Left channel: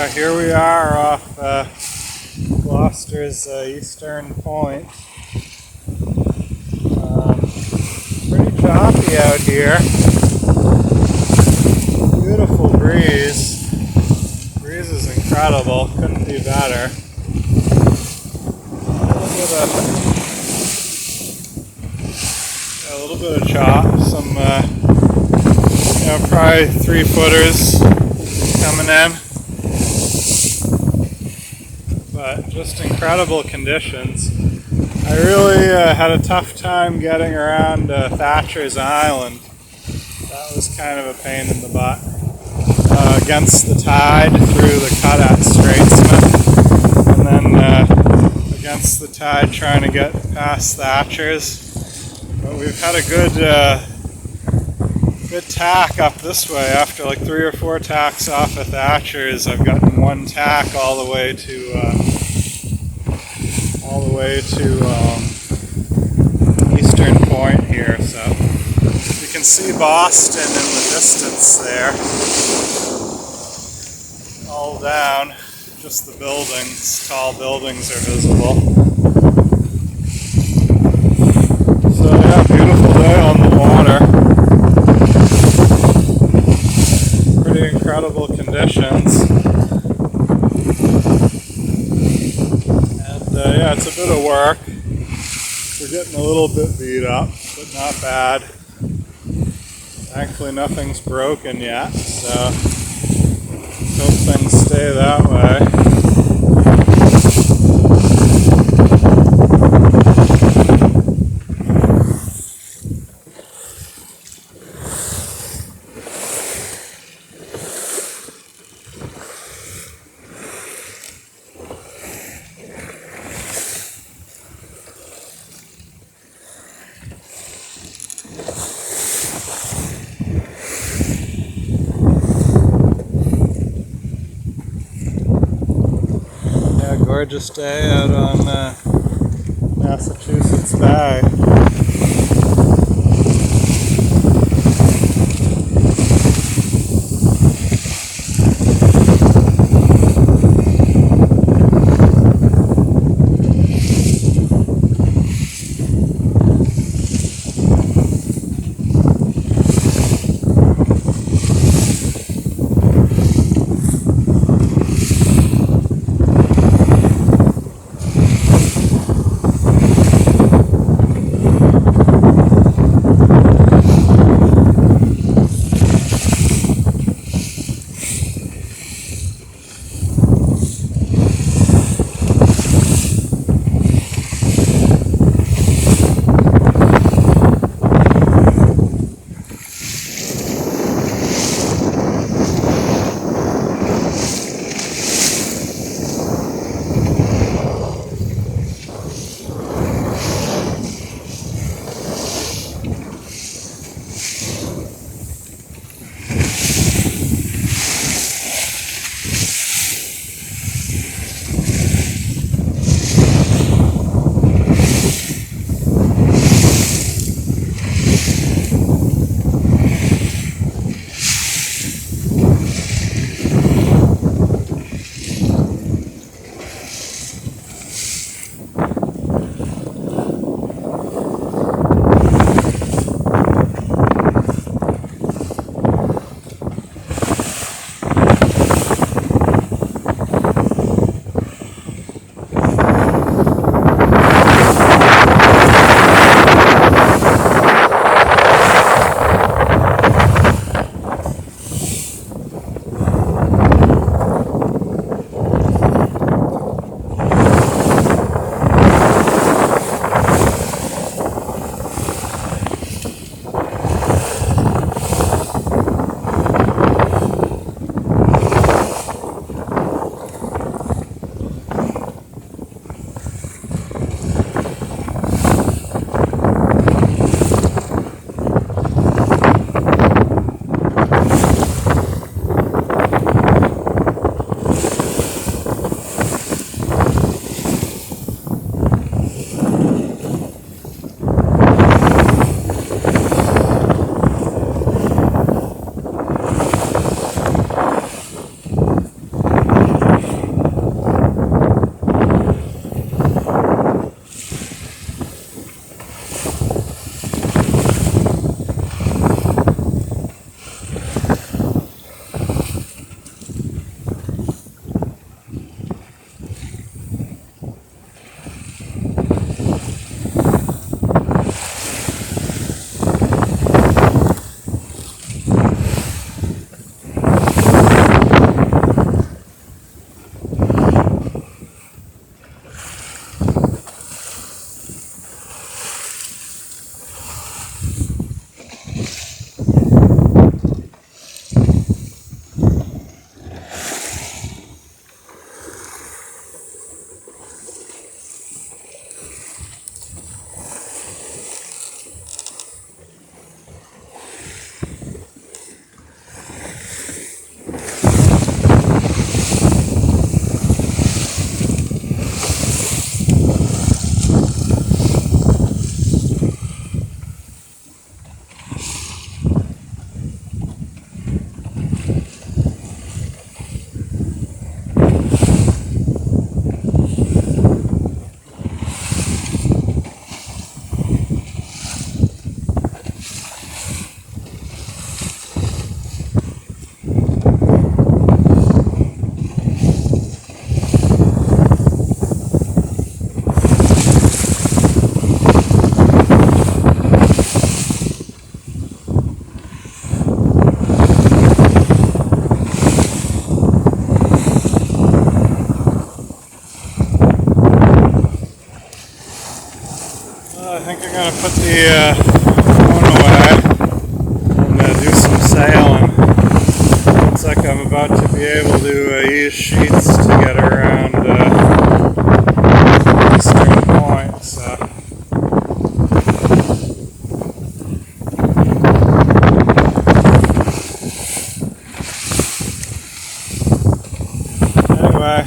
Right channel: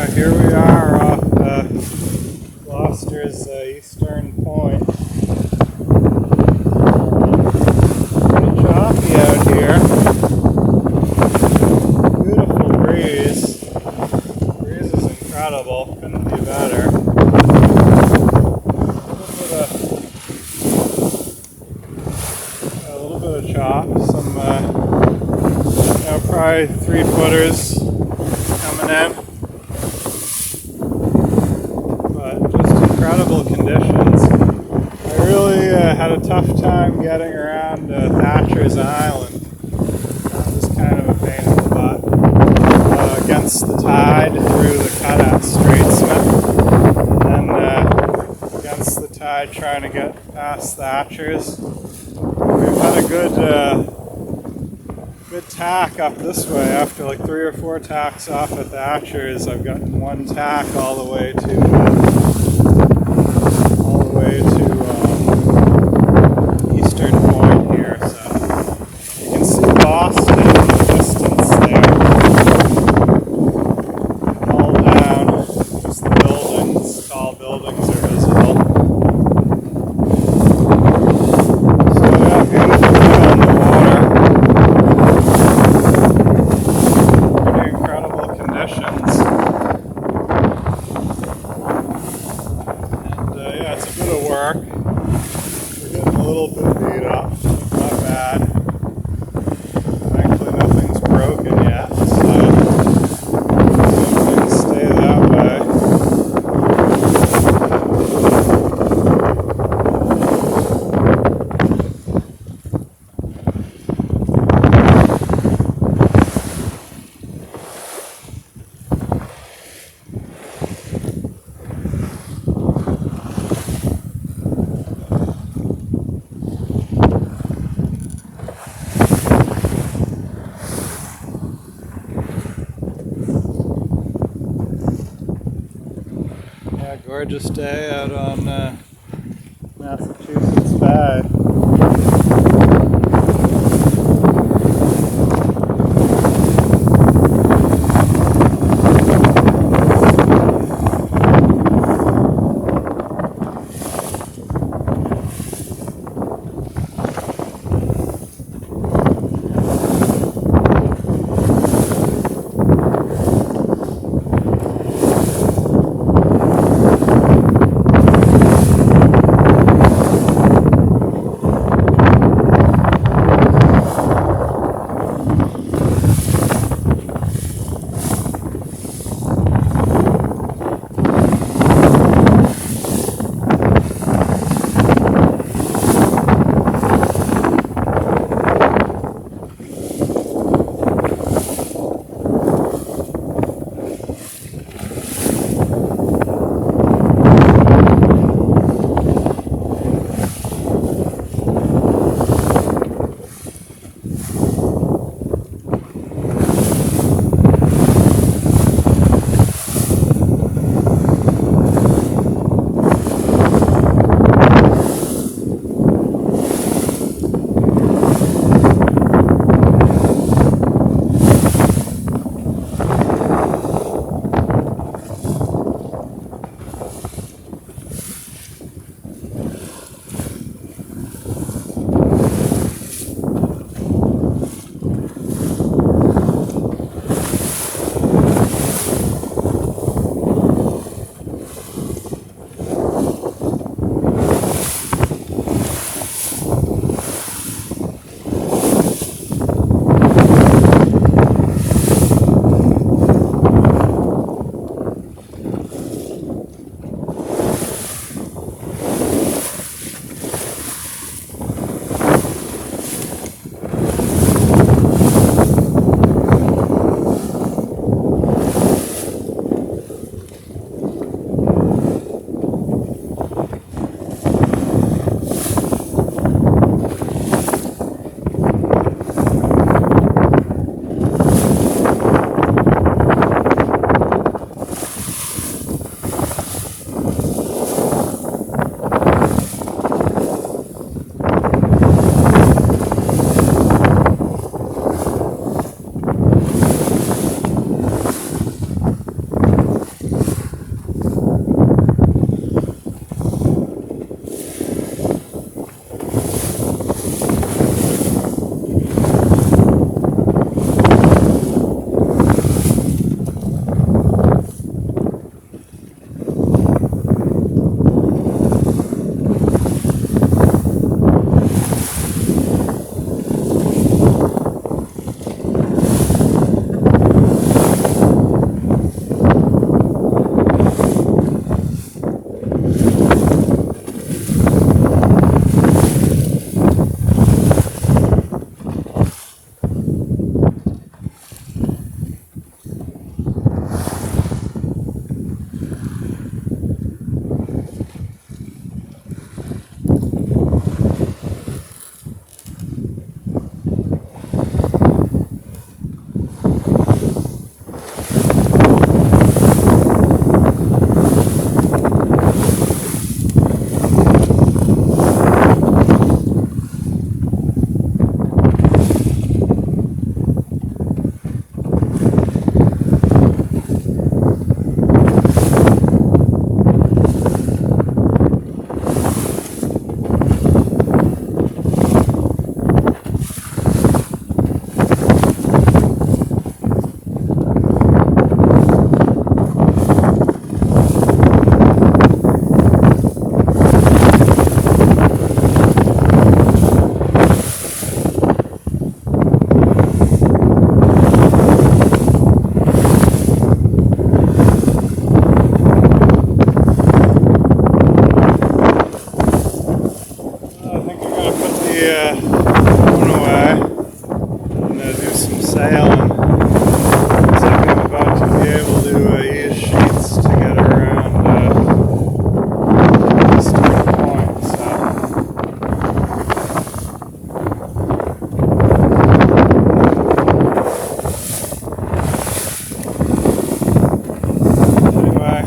Yeah, here we are off Gloucester's eastern point. Pretty choppy out here. Beautiful breeze. The breeze is incredible. Couldn't be better. A little bit of chop. Some, probably 3-footers coming in. But just incredible conditions. I really had a tough time getting around Thatcher's Island. That was kind of a pain in the butt. Against the tide through the cut at Straitsmouth, and then against the tide trying to get past Thatcher's. We've had a good tack up this way. After like 3 or 4 tacks off of Thatcher's, I've gotten one tack all the way to eastern point here. So you can see Boston in the distance there. All down, just the buildings, tall buildings are visible. So yeah, beautiful day on the water. Pretty incredible conditions. And yeah, it's a bit of work. We're getting a little bit beat up, but not bad. Thankfully nothing's broken yet, so good things stay that way. Gorgeous day out on Massachusetts Bay. be going away and do some sailing. Looks like I'm about to be able to use sheets to get around Gloucester Point. So. Anyway,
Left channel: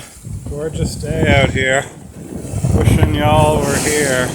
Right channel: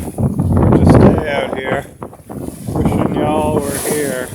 gorgeous day out here. Wishing y'all were here.